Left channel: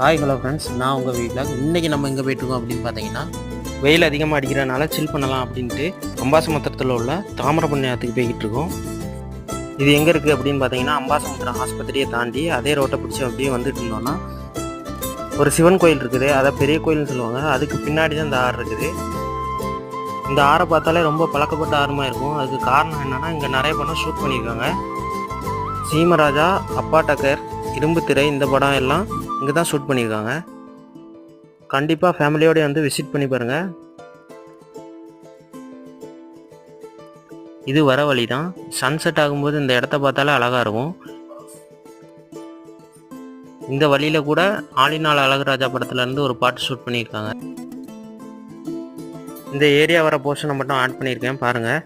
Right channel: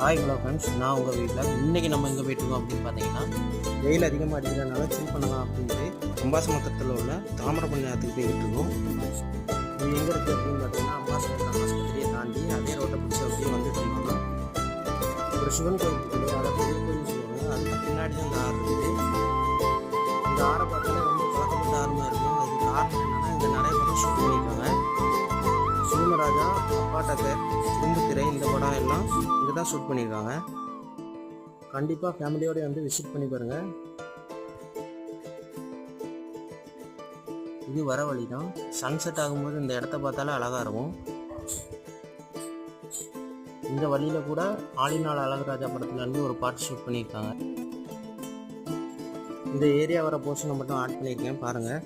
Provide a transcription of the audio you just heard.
Hi hello friends, நான் உங்கள் வீட்டில் இன்றைக்கி நம்ம எங்கே போயிட்டுருக்கோம் அப்படின்னு பார்த்தீங்கன்னா, வெயில் அதிகமாக அடிக்கிறனால சில் பண்ணலாம் அப்படின்ட்டு அம்பாசமுத்திரத்தில் உள்ள தாமிரபரணியத்துக்கு போய்கிட்டு இருக்கோம். இது எங்கே இருக்குது அப்படின்னு பார்த்தீங்கன்னா, அம்பாசமுத்திரம் ஆஸ்பத்திரியை தாண்டி அதே ரோட்டை பிடிச்சி அப்படியே வந்துட்டு இருந்தோம்னா ஒரு சிவன் கோயில் இருக்குது. அதை பெரிய கோயில்னு சொல்லுவாங்க. அதுக்கு பின்னாடி தான் இந்த ஆறு இருக்குது. இந்த ஆறை பார்த்தாலே ரொம்ப பழக்கப்பட்ட ஆறுமாக இருக்கும். அதுக்கு காரணம் என்னென்னா, இங்கே நிறைய படம் ஷூட் பண்ணியிருக்காங்க. சீமராஜா, அப்பா டக்கர், இரும்பு திரை, இந்த படம் எல்லாம் இங்கே தான் ஷூட் பண்ணியிருக்காங்க. கண்டிப்பாக ஃபேமிலியோடு வந்து விசிட் பண்ணி பாருங்கள். இது வர வழி தான். சன்செட் ஆகும்போது இந்த இடத்த பார்த்தாலே அழகாக இருக்கும். இந்த வழியில் கூட ஆலிநாள் அழகுராஜா படத்துலேருந்து ஒரு பாட்டு ஷூட் பண்ணியிருக்காங்க. இந்த ஏரியா வர போர்ஷனை மட்டும் ஆட் பண்ணியிருக்கேன் பாருங்கள்.